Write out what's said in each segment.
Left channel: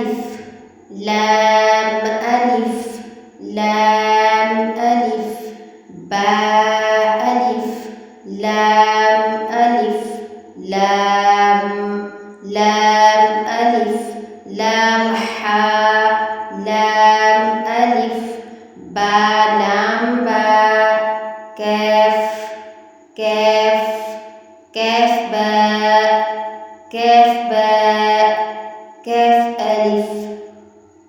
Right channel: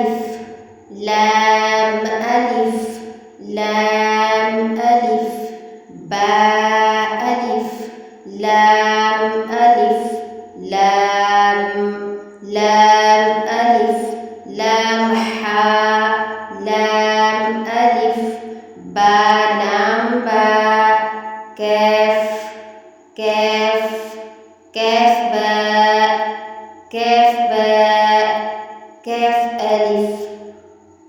ألف لام ألف لام ألف باء ألف لام ألف لام لام ألف لام حاء لام ألف با لام با كاف كاف كاف باء كاف باء كاف ألف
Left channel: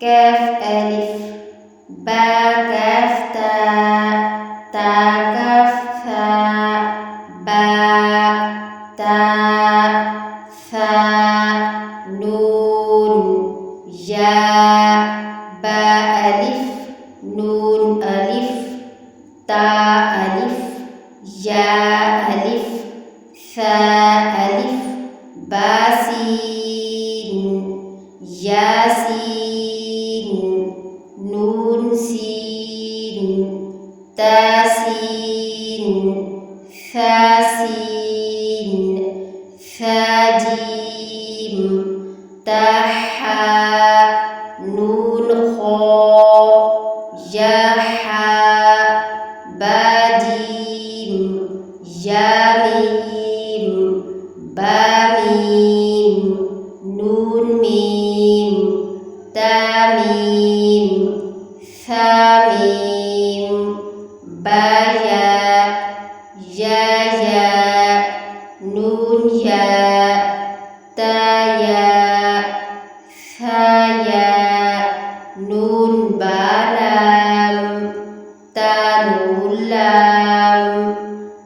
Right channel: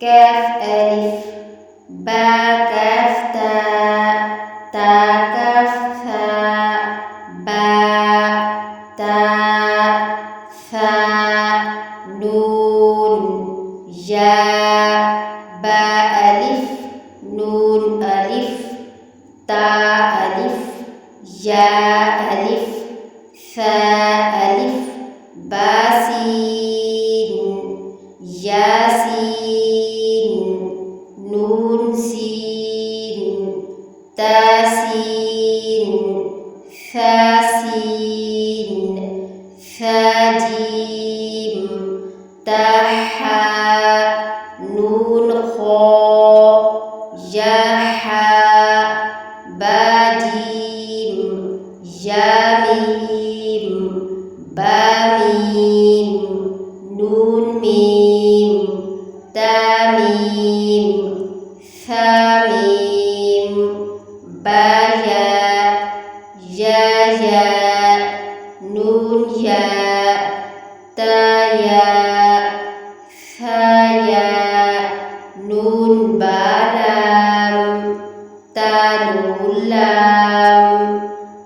كاف ألف با كاف تاء تا كاف ثاء باء تاء ثاء نون ياء باء ألف نون ألف تاء ألف ياء ألف ثاء ألف باسين ياسين نون سين تاسين ثاسين ثاجيم تاحاء نون خاء ياحاء باجيم ياميم باميم نون ميم تاميم ثاميم بايا يايا نون يا تايا ثايا نون بالام تانون لام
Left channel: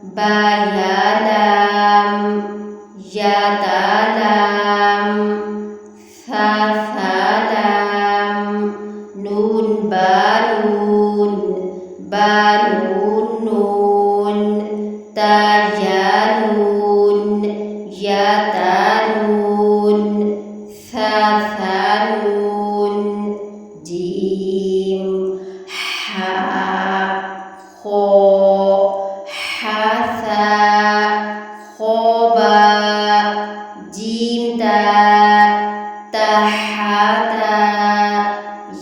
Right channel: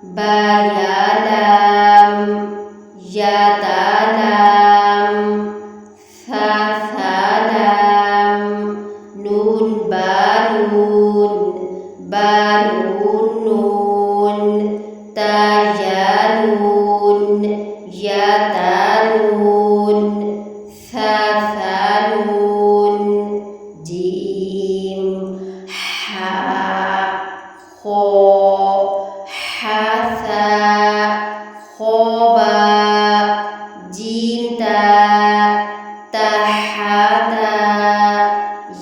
بايا لام يا تالام ثالام نون بانون بانون نون تايا نون يا تانون ثانون جيم حاء خاء حاثاء خاباء جيم تاء تحاتا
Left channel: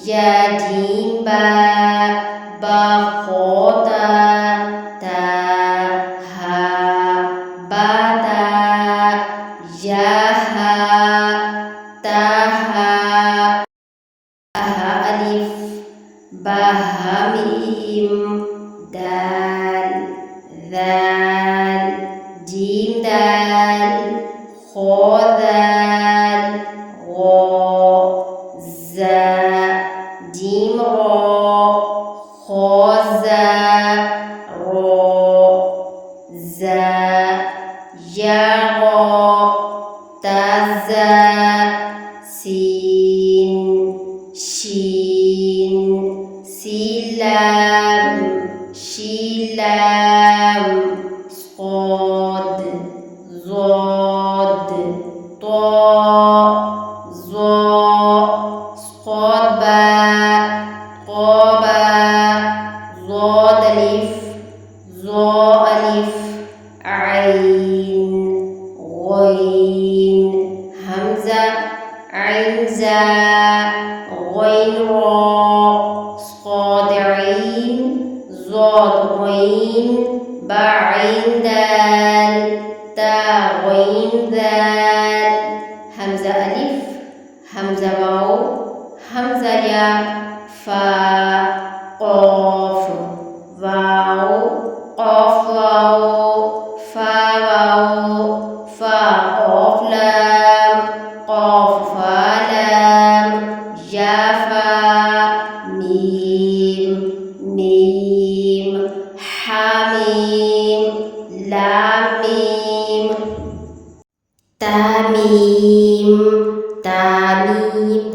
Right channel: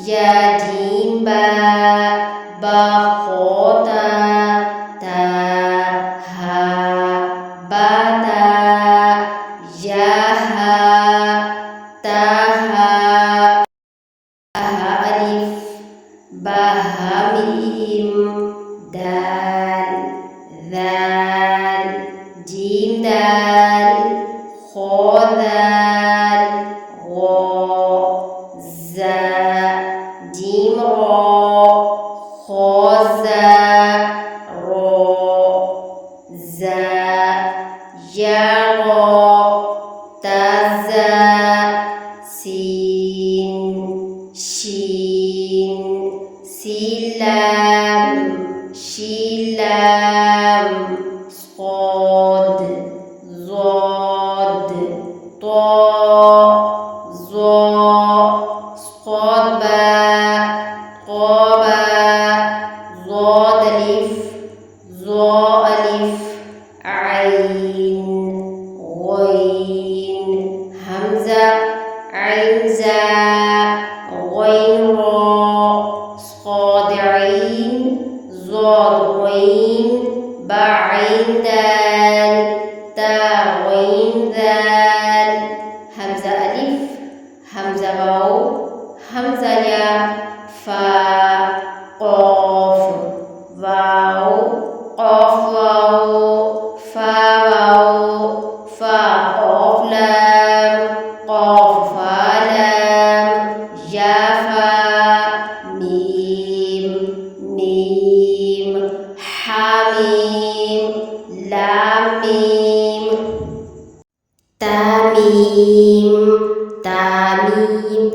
يا جيم باء باخوتا تاها باتا ياها تاها أها ألف باها ميم دال ذال جيم دال خا ذال غا زاء جيم را خا زاء را زاء يا را تزاء سين شين سلام شلام صاد ضاد طاء ظاء صاد باء قاباء ضاد ألف ظاء ألف عين غين همزة عين زاء غين راء صاد عين ضاد غين بعين دال تا غين ذال همزة ألف همزة واو همزة يا فا قاف واو قاف واو فا واو فا قاف لام قاف فا لام يا فا ميم ميم حاميم لام ميم تاميم تاميم